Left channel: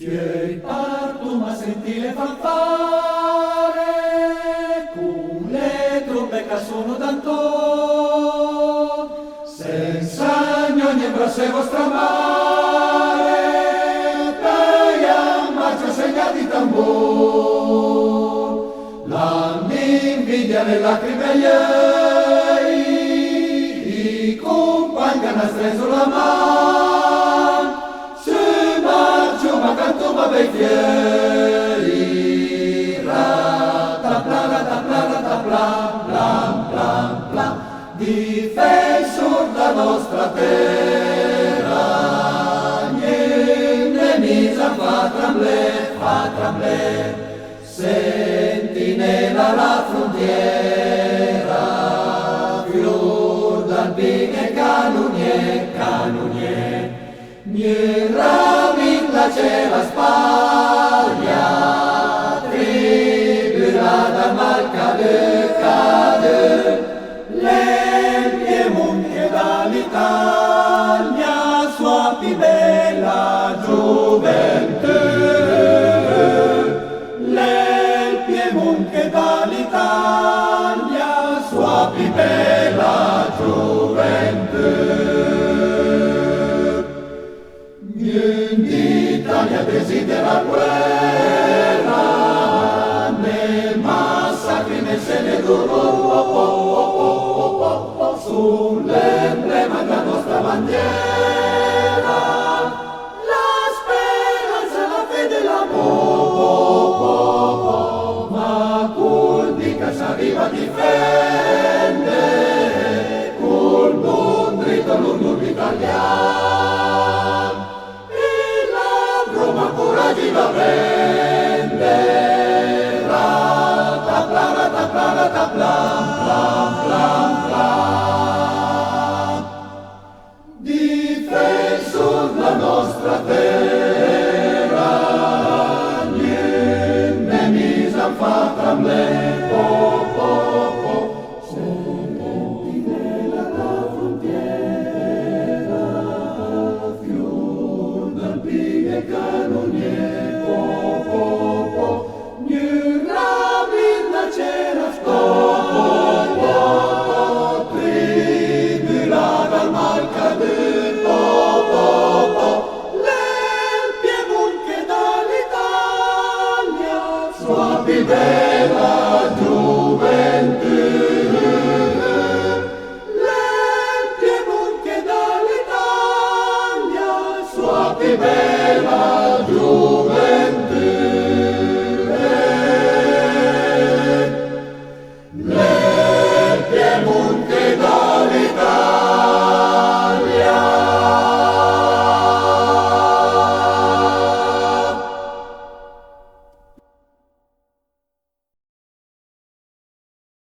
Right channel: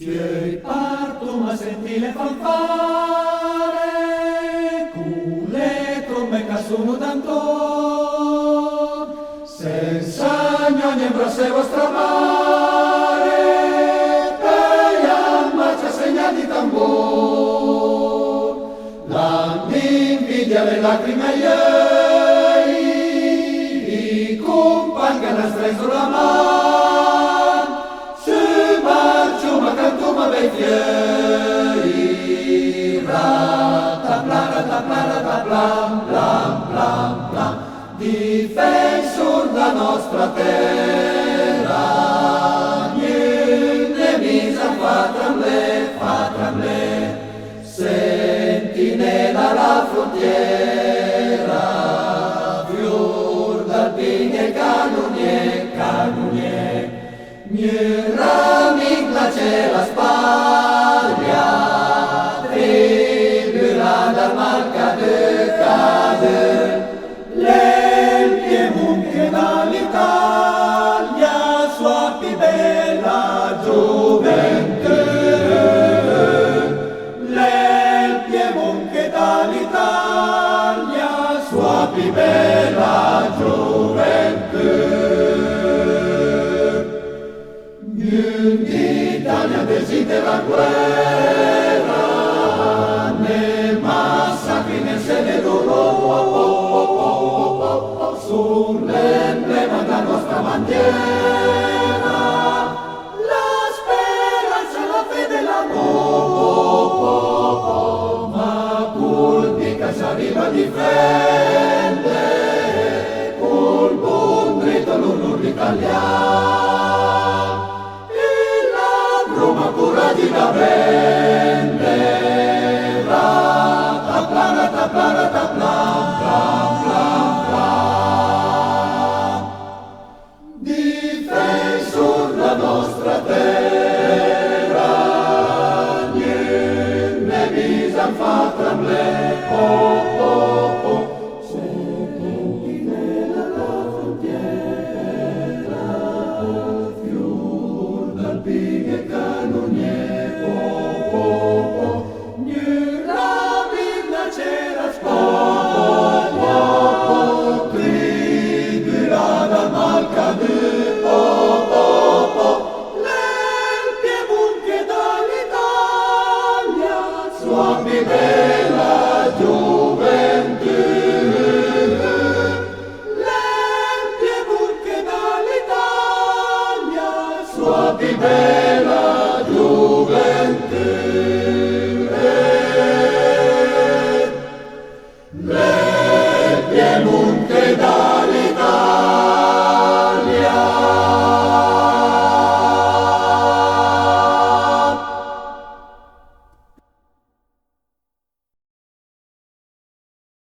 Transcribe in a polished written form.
Fieri partum a sentire le fanfare, cule trombe che sono d'anton, senza ogni proseguo stramare, per marcia segna di tambor, l'invidia le lacrime ieri, i compagni che hanno streso la mano, cantuma vecchieri, ratapla, ratapla, ratapla, plam, plam, plam, difensor da nostra terra, niente misa fa tremblè, sentinella alla frontiera, fior d'alpine canonier, c'è la spaglia, tribulata marca de cade, le Piemonte dall'Italia, sua più bella gioventù. Le Piemonte dall'Italia, sua più bella gioventù. L'Italia desidera guerra, né massacri né sede loro, sull'emblema della nostra bandiera, la speranza e la fede e l'amore, ma colpi che si arriva a difendere, col buon dritto l'onore italiano. Roma coraggio da vendere, ratapla, ratapla, ratapla, plam, plam, plam. Difensor la nostra terra, niente misa fa tremblè, oh, oh, oh, su punti della frontiera, fior d'alpine canonier, oh, oh, oh, Nurramina c'era oh, oh, tribulana malcade, oh, le Piemonte dall'Italia, sua